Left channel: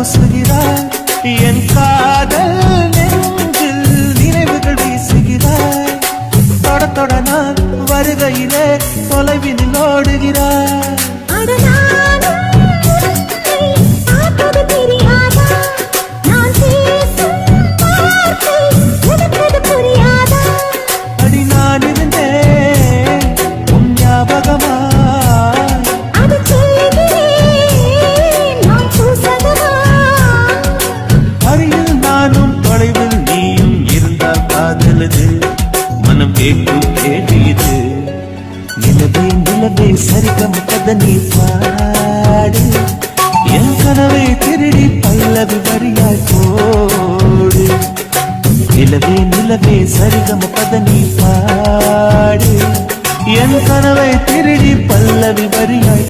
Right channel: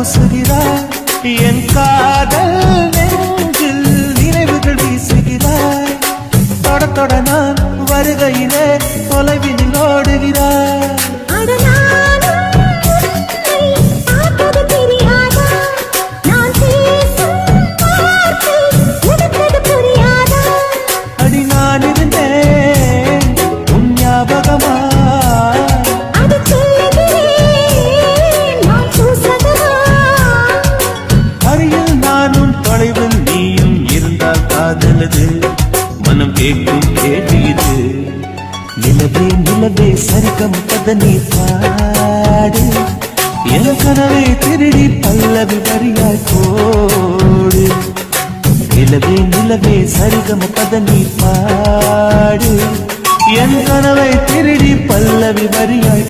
பூசுகிறாய் என் காதல் நெஞ்சில் நினைவுகள் வீசுகிறாய் தொட தொட நான் வருகையிலே தொலைவினில் ஓடுகிறாய் அடி நான் இருந்தேன் உன் ஞாபகமாய் அருகில் நானும் தொலைவில் நீயும் இருந்தால் காதலது மனம் கேட்கும் கேள்வி இது நிலவே நிலவே சரிகம் கதனி பாடு என் கனவை திருடி பல்லவி வரியாய் போடு நிலவே நிலவே சரிகம பதனி பாடு என் கனவை திருடி பல்லவி வரியாய்